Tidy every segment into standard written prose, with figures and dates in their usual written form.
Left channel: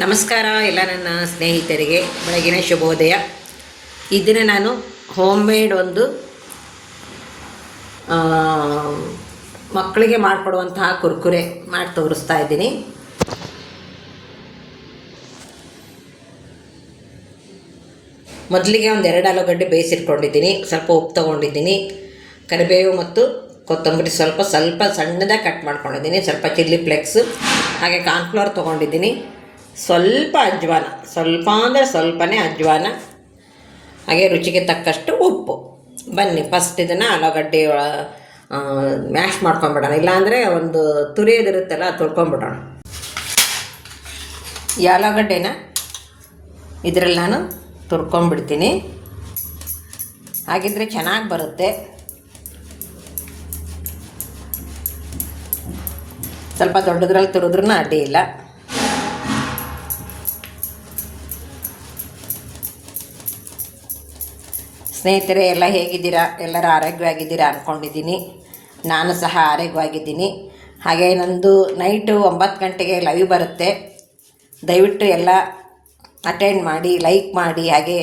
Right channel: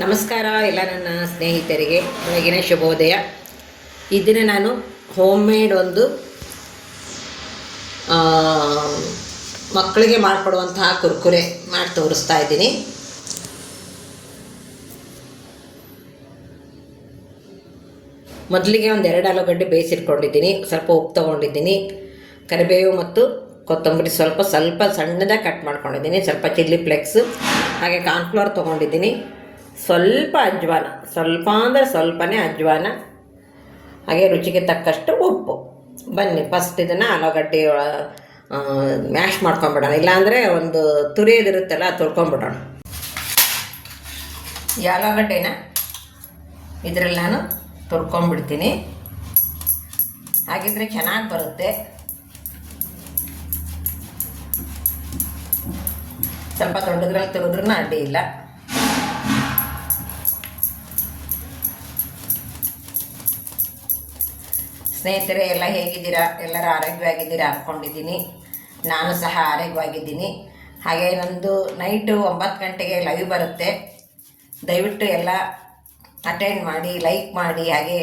ನಮಸ್ಕಾರ ಎಲ್ಲ ನನ್ನ ಸ್ನೇಹಿತರಿಗೆ ಬೆಳಗಿನ ಶುಭೋದಯ. ಇದನ್ನು ನಾನು ಹೋಮ್ ಮೇಡ್ ಒಂದು ಮಕ್ಕಳಿಗೆ ಮಾಡಿಕೊಡುವಂತಹ ಕುರ್ಕುರೆ ಮಾಡಿ ತೋರಿಸ್ತಾ ಇದ್ದೀನಿ. ಮೊದಲಿಗೆ ಒಂದು 2 ಆಲೂಗಡ್ಡೆ ಬೇಯಿಸಿಟ್ಕೊಂಡಿದ್ದೀನಿ. ಸ್ವಲ್ಪ ಉಪ್ಪು ತೊಗೊಂಡಿದ್ದೀನಿ, ಕರಿಬೇವು ಮತ್ತು ಕೊತ್ತಂಬರಿ ಸ್ವಲ್ಪ ಸಣ್ಣದಾಗಿ ಕಟ್ ಮಾಡ್ಕೊಂಡಿದ್ದೀನಿ, ಸ್ವಲ್ಪ ಚಿಲ್ಲಿ ಫ್ಲೇಕ್ಸ್, ಹಾಗೆ ಕಾರ್ನ್ಫ್ಲವರ್ ತೊಗೊಂಡಿದ್ದೀನಿ, ಸ್ವಲ್ಪ ಅಜ್ವಾನ, ಸ್ವಲ್ಪ ಅಂದರೆ ಸ್ವಲ್ಪನೇ ಅಜ್ವಾನ, ಹಾಗೆ ರುಚಿಗೆ ತಕ್ಕಷ್ಟು ಉಪ್ಪು. ಬನ್ನಿ ಫಸ್ಟ್ ಇದನ್ನು ಆಲೂಗಡ್ಡೆ ಮ್ಯಾಶ್ ಮಾಡ್ಕೊಂಬಿಡೋಣ, ಇಲ್ಲಾಂದರೆ ಒಂದು ತುರಿಯೋದಿರುತ್ತಲ್ಲ ಅದು ತೊಳ್ಕೊಂಬಿಡೋಣ. ಈ ಆಲೂಗಡ್ಡೆನ ಇದರಲ್ಲಿ ನಾನು ತುರ್ಕೊಂಬಿಡ್ತೀನಿ, ಹಾಗಿದ್ರೆ ಚೆನ್ನಾಗಿ ಬರುತ್ತೆ. ಸ್ವಲ್ಪ ದೊಡ್ಡದ್ರಲ್ಲಿ ತುರಿದ್ರೂ ಅಡ್ಡಿ ಇಲ್ಲ. ಸ್ನೇಹಿತರೆ ಎಲ್ಲ ಹೇಗಿದ್ದೀರಾ? ಎಲ್ಲರೂ ಆರೋಗ್ಯವಾಗಿದ್ದೀರಾ ಅಂದ್ಕೊಂಡಿದ್ದೀನಿ. ನಾನು ಸಹ ಆರೋಗ್ಯವಾಗಿದ್ದೀನಿ. ಹಾಗೆ ನಂದು ನೈಟು 9 ಗಂಟೆಗೆ ಲೈವ್ ಬರುತ್ತೆ. ದಯವಿಟ್ಟು ಎಲ್ಲ ಅಟೆಂಡ್ ಮಾಡಿ, ಲೈಕ್ ಮಾಡಿ, ಹಾಗೆ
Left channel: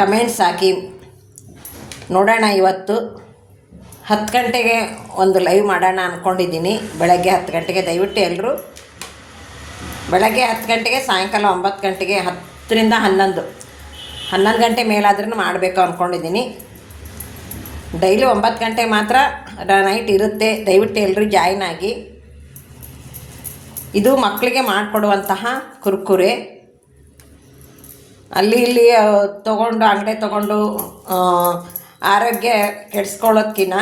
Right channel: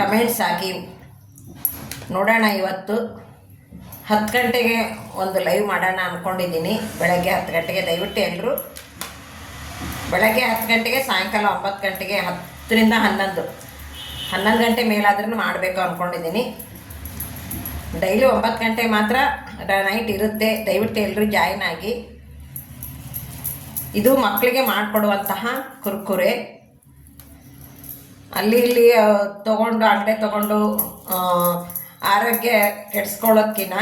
ಕಮೆಂಟ್ಸ್ ಹಾಕಿ ನೋಡೋಣ. ಇವತ್ತು 10 ಗಂಟೆಗೆ ಒಂದು ಲೈವ್ ಮಾಡೋಣ ಅಂದ್ಕೊಂಡಿದ್ದೀನಿ, ಬೆಳಗ್ಗೆ 10 ಗಂಟೆಗೆ. ದಯವಿಟ್ಟು ಎಲ್ಲರೂ ಬೆಳಗ್ಗೆ 10 ಗಂಟೆಗೆ, ಸಾಯಂಕಾಲ 9 ಗಂಟೆಗೆ, 10ರಿಂದ 11 ಗಂಟೆ ಮೇಲಾದ್ರೂ ಮಾಡಬೇಕು ಅಂದ್ಕೊಂಡಿದ್ದೀನಿ. ಡೈಲಿ 9 ಗಂಟೆ ಮಾತ್ರ ನೈಟ್ ಇರುತ್ತೆ. ದಯವಿಟ್ಟು ಎಲ್ಲರೂ ಜಾಯಿನ್ ಆಗಿ. ಇದು ಮಕ್ಕಳಿಗೆ ಮಾಡಿಕೊಡುವಂತಹ ಕುರ್ಕುರೆ. ಅಲ್ಲಿ ಇಲ್ಲಿ ಅಂಗಡಿ ತೊಗೊಂಡು ಆರೋಗ್ಯ ಕೆಡಿಸ್ಕೊಳ್ಳೋದ್ಕಿಂತ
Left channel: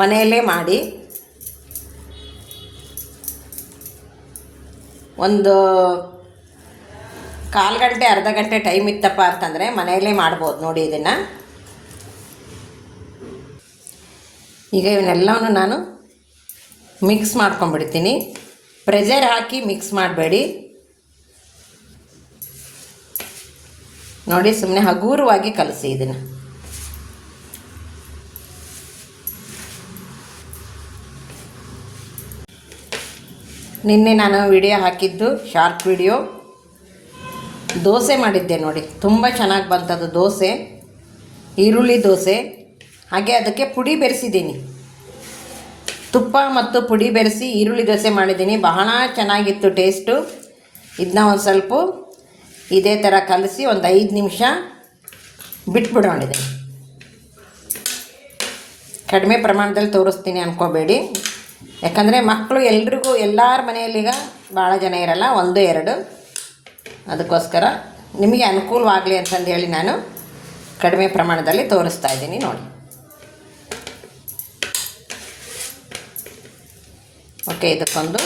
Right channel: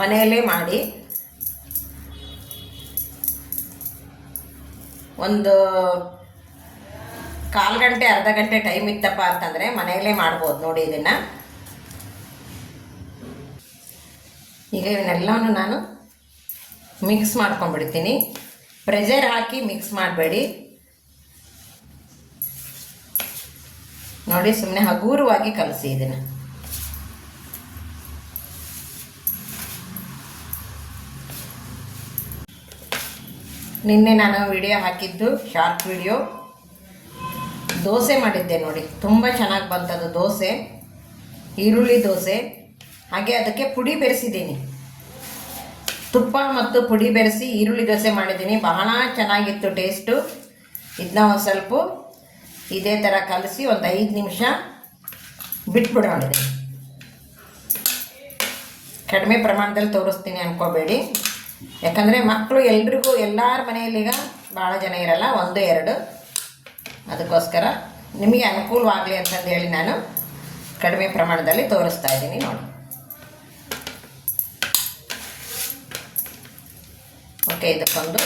ಮನೆಯಲ್ಲೇ ಮಾಡಿ ಒಂದು 1/4 ಗಂಟೆ ಅರ್ಧ ಗಂಟೆ ಟೈಮ್ ಇತ್ತಪ್ಪ ಅಂತಂದರೆ ಮನೆಯಲ್ಲೇ ಮಾಡ್ಬೋದು. ನೋಡಿ ಇದನ್ನು. ಈಗ ಇವನ್ನೆಲ್ಲವನ್ನು ನಾನು ಮಿಕ್ಸ್ ಮಾಡ್ಕೊಂಡ್ಬಿಡ್ತೀನಿ. ಪ್ರೆಷರ್ ಹಾಕಿ ಮಿಕ್ಸ್ ಮಾಡಬೇಡಿ. ನೋಡಿ, ಸುಮ್ಮನೆ ಹಗುರವಾಗಿ ಕಲಸಿ ಇದನ್ನು. ನಿನ್ನೆ ನಾನು ವಿಡಿಯೋ ಹಾಕಿದ್ದು ಶಾರ್ಟ್ ವಿಡಿಯೋ, ದೋಸೆ ಮಾಡಿದ್ದೆ ನೋಡಿ, ತುಂಬ ಚೆನ್ನಾಗಿ ಬಂತದು ದೋಸೆ, ಈರುಳ್ಳಿ ದೋಸೆ. ಹಾಗೆ ಅದಕ್ಕೆ ಪುಡಿ ಬೆರೆಸಿದ್ದೀನಿ, ತುಪ್ಪ ಮತ್ತು ಪುಡಿ ಬೆರೆಸಿ ಈರುಳ್ಳಿ ದೋಸೆ ಮಾಡಿದ್ದೀನಿ. ಬಹಳ ಚೆನ್ನಾಗಿತ್ತು ಟೇಸ್ಟು. ಇದನ್ನ ಒಂದು ಸ್ವಲ್ಪ ಇದೇ ಥರ ಕಲಸಿ ಒಂದು 5 ನಿಮಿಷ ಬಿಟ್ಬಿಡೋಣಿದೆ. ಕಡಿಮೆ ಪ್ರಮಾಣದಲ್ಲಿ ತೋರಿಸ್ತೀನಿ ಅಂದ್ಕೋಬೇಡಿ, ಯಾಕಂದರೆ ಮಕ್ಕಳು ಎಲ್ರಿಗೂ, ಎಲ್ಲರ ಮನೆಯಲ್ಲೀಗ ಭಾಳ ಜನ ಇರಲ್ಲ, 1-2. ಅದಕ್ಕೋಸ್ಕರ ನಿಮಗೆ ಅನುಕೂಲವಾಗಲಿ ಅಂತಂದೇಳಿ ನಾನು ಕಡಿಮೆ ಪ್ರಮಾಣದಲ್ಲಿ ತೋರಿಸ್ತಾ ಇದ್ದೀನಿ. ನೋಡಿ, ಓಕೆ. ಇದಕ್ಕೊಂದು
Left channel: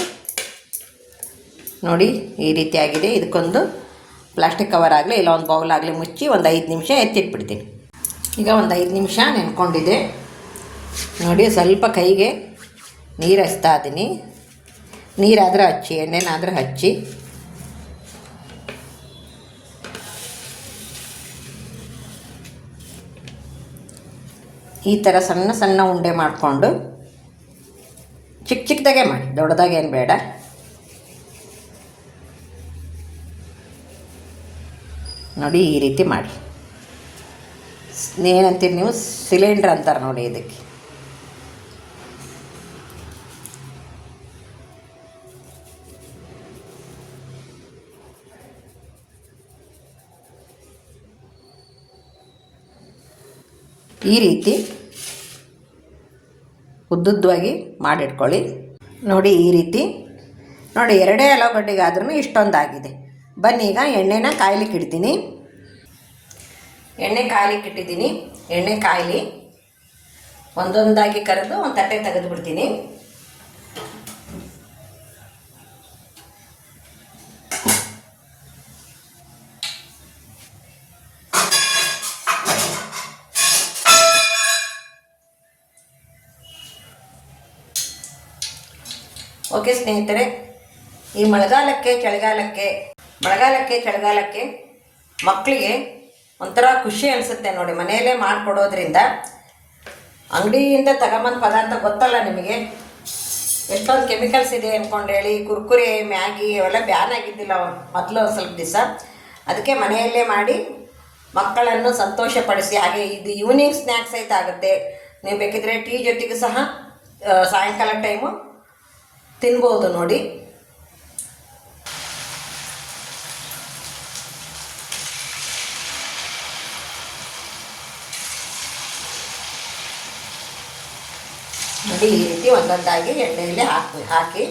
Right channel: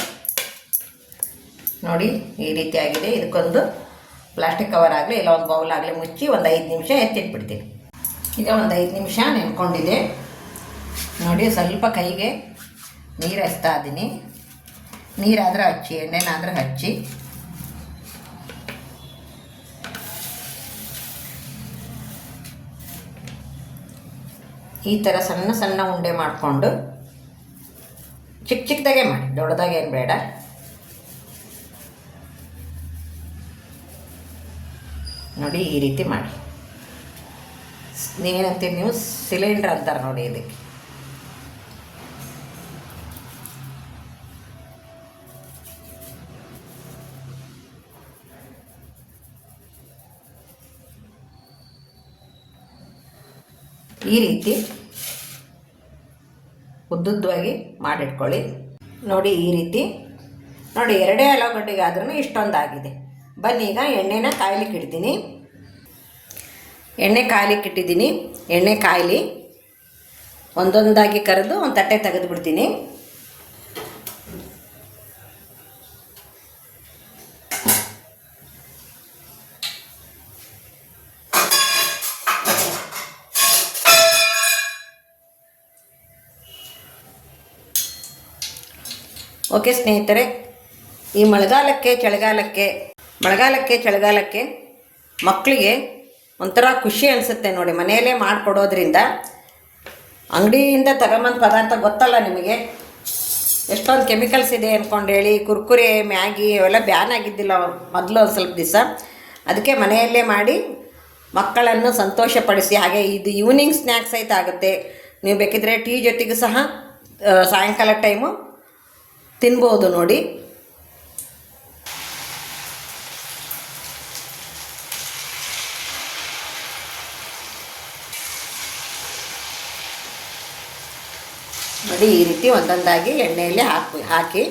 ನೋಡಿ ಈ ರೀತಿಯಾಗಿದೆ. ಇದಕ್ಕೊಂದು ಪ್ಲಾಸ್ಟಿಕ್ ಕವರ್ ಆಗಲಿ ಇಲ್ಲ ಒಂದು ಬೌಲ್ ಆಗಲಿ ಮುಚ್ಚಿ ಒಂದು 5 ನಿಮಿಷ ಎತ್ತಿಟ್ಬಿಡ್ತೀನಿ. ಈಗ ಒಂದು 5 ನಿಮಿಷ ನೆನ್ಕೊಂಡಿದೆ ನೋಡಿ. ಸ್ವಲ್ಪ ಕೈಗೆ ನೀರು ಹಚ್ತಾ ಇದ್ದೀನಿ. ನೀರಾದರೂ ಹಚ್ಚಿ, ಎಣ್ಣೆನಾದರೂ ಹಚ್ಚಿ. ಈ ಥರ ಸಣ್ಣ ಸಣ್ಣ ಉಂಡೆ ಮಾಡಿಕೊಂಡು ಚಿಕ್ಕದಾಗೆ ಮಾಡಿ, ದೊಡ್ಡದಾಗೇನು ಬೇಡ. ನೋಡಿ ಈ ರೀತಿ ಮಾಡಿ. ಏನಂತೀರಿ ನೀವು? ಸಿಲಿಂಡ್ರ್ ಅಂತಾರೆ ನೋಡಿ ಇದಕ್ಕೆ. ಈ ರೀತಿ ಉದ್ದುದ್ದವಾಗಿ ಮಾಡಿಟ್ಕೊಳ್ಳಿ. ನೋಡಿ ಈ ರೀತಿ. ನೋಡಿ 2 ಆಲೂಗಡ್ಡೆಗಾದ್ರೂ ಇಷ್ಟೊಂದಾಗಿದೆ. ಬನ್ನಿ ಈಗ ಎಣ್ಣೆನ ಕಾಯ್ಲಿಕ್ಕೆ ಇಡ್ತೀನಿ. ಎಣ್ಣೆ ಕಾಯ್ಲಿಕ್ಕೆ ಇಟ್ಟಿದ್ದೀನಿ. ಎಣ್ಣೆ ಕಾಯಲಿ. ಒಂದೊಂದಾಗಿ ಕರೆದು ಒಂದು ತಟ್ಟೆ ತೆಗೆದುಬಿಡ್ತೀನಿ. ಓಕೆ ಸ್ನೇಹಿತರೆ, ಈ ಮಳೆಗಾಲಕ್ಕೆ ಚಳಿಗಾಲಕ್ಕೆ ಮಕ್ಕಳಿಗೆ ಒಂಥರ ಖುಷಿ ಅನಿಸುತ್ತೆ ನೋಡಿ, ಮನೆಯಲ್ಲೇ ಮಾಡಿಕೊಡೋದ್ರಿಂದ. ಅಂಗಡಿಯಿಂದ ತಗೊಂಬಂದು ಪದಾರ್ಥ ಗೊತ್ತಲ್ಲ ನಿಮಗೆ, ಎಷ್ಟೊಂದು ಕೆಮಿಕಲ್ಸ್ ಇದೆ ಅಂದ್ಕೊಂಡೇಳಿ ಕುರ್ಕುರೆ ಮ್ಯಾಗಿ ಅವೆಲ್ಲ ಬ್ಯಾನ್ ಆಗಿದ್ದಿಲ್ಲ ಮೊದಲು ಒಂದು ಸ್ವಲ್ಪ ದಿವಸ. ಅದಕ್ಕೆ ಮನೆಯಲ್ಲೇ ಮಾಡಿ ಮಕ್ಕಳನ್ನು ಸಂತೋಷಪಡಿಸಿ. ಹಾಗೆ ಇದು ಈವ್ನಿಂಗ್ ಸ್ನ್ಯಾಕ್ಸ್ ಸಹಿತ ಆಗುತ್ತೆ. ನೀವು ಬೇಕಿದ್ರೆ ಟೀ ಜೊತೆಗೂ ಸಹ ಸಾಯಂಕಾಲ ಟೈಮು ತಿನ್ಬೋದು ನೋಡಿ. ನೋಡಿ ಈ ರೀತಿ ಒಂದೊಂದಾಗಿ ಎಣ್ಣೆಯಲ್ಲಿ ಹಾಕಿ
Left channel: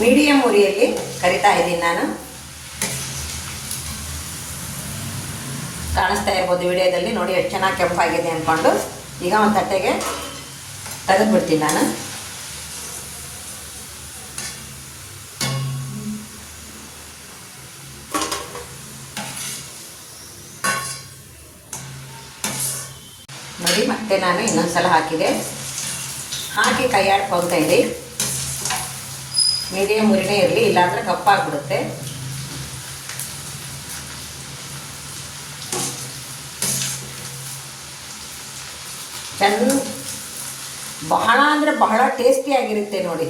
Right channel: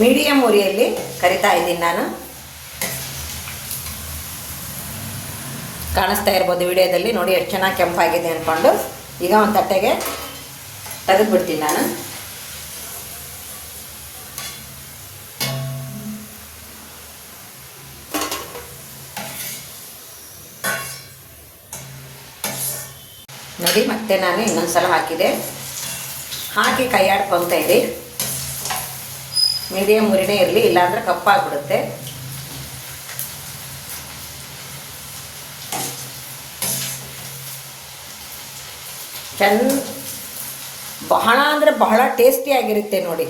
ಮೀಡಿಯಮ್ ಉರಿಯಲ್ಲಿ ಕರಿತಾ ಇದ್ದೀನಿ ನಾನು. ಕಾಣಿಸ್ತಾ ಇರ್ಬೋದು ವಿಡಿಯೋದಲ್ಲಿ ನೋಡಿ ಎಷ್ಟು ಚೆನ್ನಾಗಿ ಕೆಂಪಾಗಿದೆ ಅಂದ್ಕೊಂಡು. ಈಗ ಒಂದು ತಟ್ಟೆಗೆ ತೆಗೆದುಬಿಡ್ತೀನಿ ನಾನು. ನೋಡಿ ಮತ್ತೆ ನಾನು ಇನ್ನೊಂದು ಸಲ ಹಾಕಿ ಕೈ ಆಡ್ಕೊತಾ ಇರಿ. ಮೀಡಿಯಮ್ ಉರಿನೇ ಇರಲಿ, ಇಲ್ಲಾಂದ್ರೆ ಕಪ್ಪಾಗ್ಬಿಡುತ್ತೆ. ಬಹಳ ಅಂದರೆ ಬಹಳ ಟೇಸ್ಟಿಯಾಗಿರುತ್ತೆ ನೋಡಿ.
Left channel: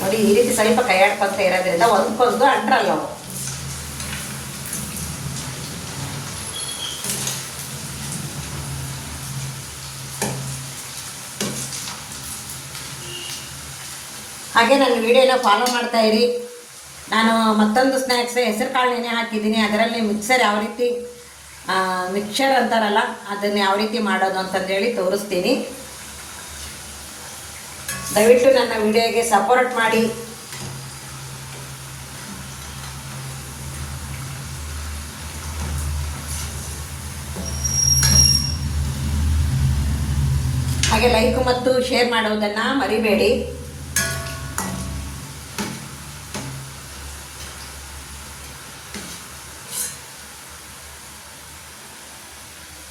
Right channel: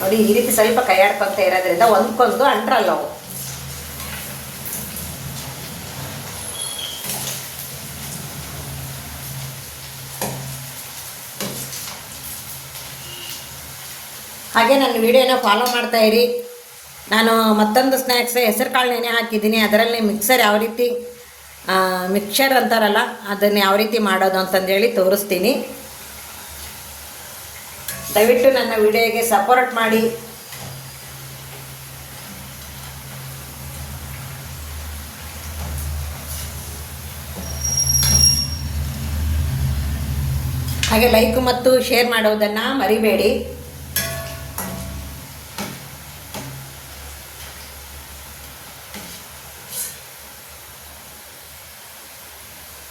ನೋಡಿ ಈ ರೀತಿ ಸ್ವಲ್ಪ ಕೈ ಆಡ್ಕೊಂತ ಇರೋದ್ರಿಂದ ಒಂದ್ಕೊಂದು ಅಂಟ್ರಲ್ಲವು. ಹಾಗೆ ನನ್ನ ವಿಡಿಯೋನ ಫಾಲೋ ಮಾಡ್ತಾ ಇರಿ. ನಾನು ಮತ್ತೊಂದು ಸ್ನ್ಯಾಕ್ಸ್ ಹೆಸರು ಕಾಳು ನೆನೆ ಹಾಕಿದ್ದೀನಿ. ಅದರಲ್ಲಿ ಮಿಕ್ಸರ್ ಯಾವ ರೀತಿ ಮಿಕ್ಸರ್ ಅಂತಾರಲ್ಲ ಅದನ್ನು ಯಾವ ರೀತಿ ಮಾಡೋದು ಅಂತಂದೇಳಿ ತೋರಿಸ್ತೀನಿ. ದಯವಿಟ್ಟು ನನ್ನ ವಿಡಿಯೋಗೆ ಸಪೋರ್ಟ್ ಮಾಡಿ. ಹಾಗೆ ಲೈಕ್ ಮತ್ತು ಶೇರ್ ಮಾಡೋದನ್ನು ಮರಿಬೇಡಿ.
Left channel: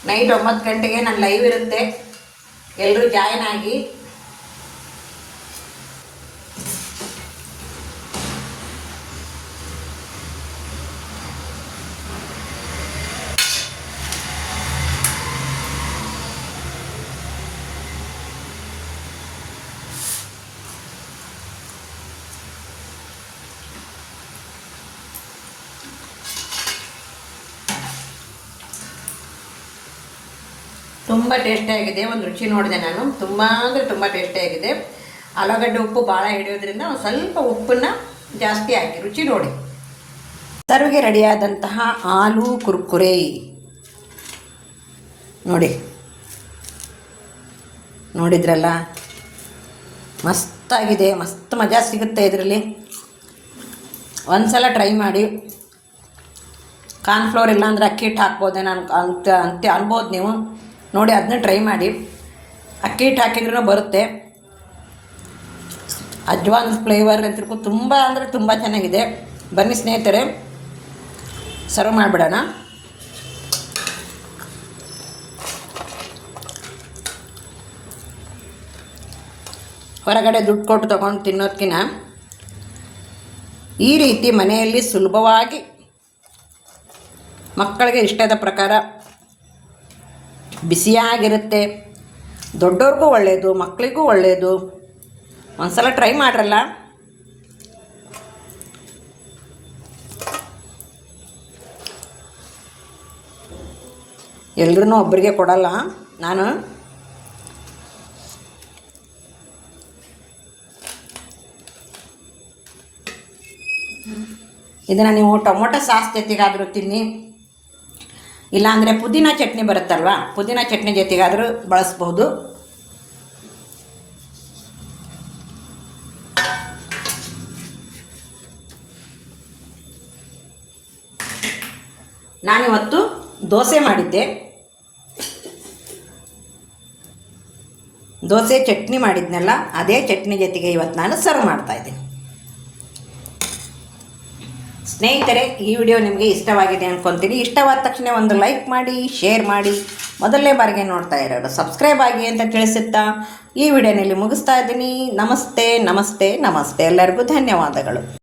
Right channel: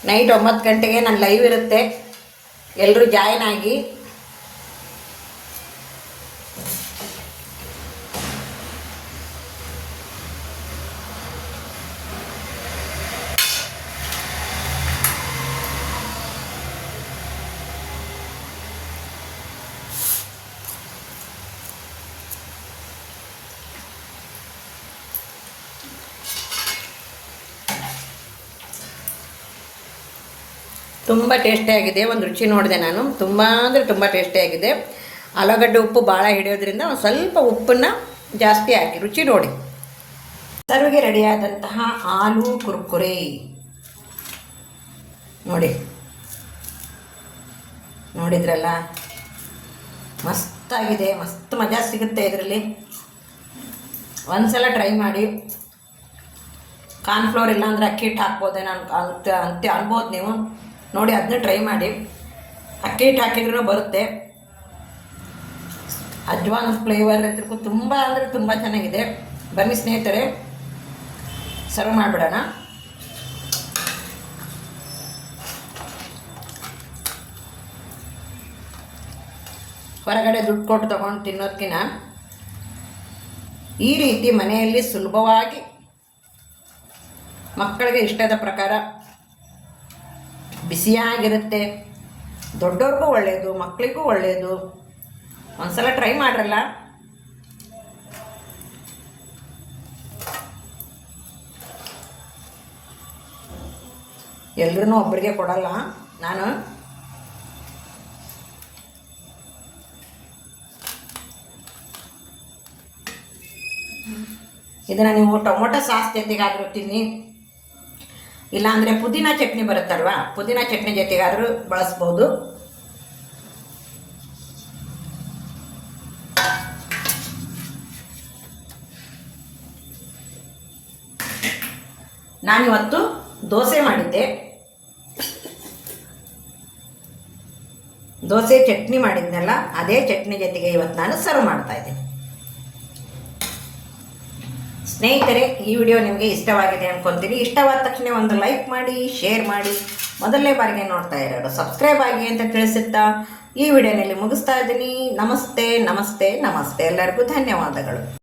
ನೈಟ್ 9 ಗಂಟೆಗೆ ನನ್ನ ಲೈವ್ ಇರುತ್ತೆ, ಎಲ್ಲರೂ ಜಾಯಿನ್ ಆಗಿ. ತುಂಬ ಟೇಸ್ಟಿಯಾಗಿದೆ. ಒಂದು ರುಚಿ ನೋಡಿದೆ ನಾನು, ತುಂಬ ಅಂದರೆ ತುಂಬ ಟೇಸ್ಟಿಯಾಗಿದೆ. ಆಲೂಗಡ್ಡೆ ಉಪ್ಪು ಭಾಳ ಹಿಡಿಯೋದ್ರಿಂದ ಒಂದು ಸ್ವಲ್ಪ ಉಪ್ಪನ್ನು ಜಾಸ್ತಿ ಹಾಕಿ ರುಚಿ ನೋಡಿ. ಸರ್ವಿಗೆ ರೆಡಿಯಾದಂತಹ ಆಲೂ ಕುರ್ಕುರೆ ನೋಡಿದ್ರಲ್ಲ, ಮಸ್ತಾಗಿದೆ. ಮಸ್ತ್ ಮಜಾ ಸಿಗುತ್ತೆ ಇದರಲ್ಲಿ. ಒಂದು ಸಲ ಟ್ರೈ ಮಾಡಿ. ಕಾರ್ನ್ಫ್ಲೋರ್ ಇಲ್ಲಾಂದ್ರೆ ಅಕ್ಕಿ ಹಿಟ್ಟು ಹಾಕ್ಬೋದೇನೋ ಅಂತ ಅನ್ಬೋದು ನೀವು. ನೋಡಿ ಅದನ್ನ ಟ್ರೈ ಮಾಡಿ. ಅಕ್ಕಿ ಹಿಟ್ಟು ಹಾಕಿದ್ರೂ ಬರುತ್ತೆ. ಅಜ್ವಾನ್ ಫ್ಲೇವರ್ ಅಂತಿರ್ಕೊ ತುಂಬ ಅಂದರೆ ತುಂಬ ಚೆನ್ನಾಗಿದೆ. ಬನ್ನಿ ಸ್ನೇಹಿತರೆ, ಸರ್ವ್ ಮಾಡಿಬಿಡೋಣ. ಹೊರಗಡೆ ದುಡ್ಡು ಕೊಟ್ಟು ತೊಗೊಂಡು ತಿನ್ನೋದಕ್ಕಿಂತ ಈ ರೀತಿ ಮನೆಯಲ್ಲಿ ಸುಲಭವಾಗಿ ಮಕ್ಕಳಿಗೆ ಇಷ್ಟದ ಪ್ರಕಾರ ಬಿಸಿಯಾಗಿರುತ್ತೆ. ದೊಡ್ಡವ್ರಿಗೂ ಒಳ್ಳೆಯದು, ಮಕ್ಕಳಿಗೂ ಒಳ್ಳೆಯದು. ಒಂದ್ಸಲ ಟ್ರೈ ಮಾಡ್ರಲ್ಲ. ಎಲ್ರೂ ಒಬ್ಬರಿಗೆ ಕೊಡಲ್ಲ ನಾನು. ಇದನ್ನು ನೀವು ಟೊಮೊಟೊ ಸಾಸ್ ಜೊತೆಗಾದರೂ ತಿನ್ನಿ, ಇಲ್ಲಾಂದರೆ ಪುದೀನ ಚಟ್ನಿ ಬರುತ್ತಲ್ವ, ಪುದೀನ ಚಟ್ನಿ ಜೊತೆಗಾದರೂ ಬಳಸ್ಬೋದು. ನಾನಿವತ್ತು ದೋಸೆ ಮಾಡಿದ್ದೆ. ದೋಸೆ ಚಟ್ನಿ ಮಾಡಿದ್ನಲ್ಲ, ಅದೇ ಚಟ್ನಿ ಜೊತೆಗೆ ಇವತ್ತು ನಾನು ಸರ್ವ್ ಮಾಡ್ತಾಯಿದ್ದೀನಿ. ಸ್ನೇಹಿತರೆ, ಈ ವಿಡಿಯೋ ನಿಮಗೆ ಇಷ್ಟವಾಗಿದೆ ಅಂದ್ಕೊತೀನಿ. ಇಷ್ಟವಾದ ತಕ್ಷಣ ಒಂದು ಲೈಕ್ ಮಾಡಿ, ಶೇರ್ ಮಾಡಿ, ಮೊದಲನೇ ಬಾರಿಗೆ ನೋಡ್ತಾ ಇರೋರು ಸಬ್ಸ್ಕ್ರೈಬ್ ಆಗಿ ಅಂತ ತಿಳಿಸುತ್ತಾ ಈ ವಿಡಿಯೋನಲ್ಲಿ ಮುಗಿಸ್ತಾ ಇದ್ದೀನಿ. ನಮಸ್ತೆ ನಮಸ್ತೆ ನಮಸ್ತೆ, ಎಲ್ಲರಿಗೂ ಧನ್ಯವಾದಗಳು.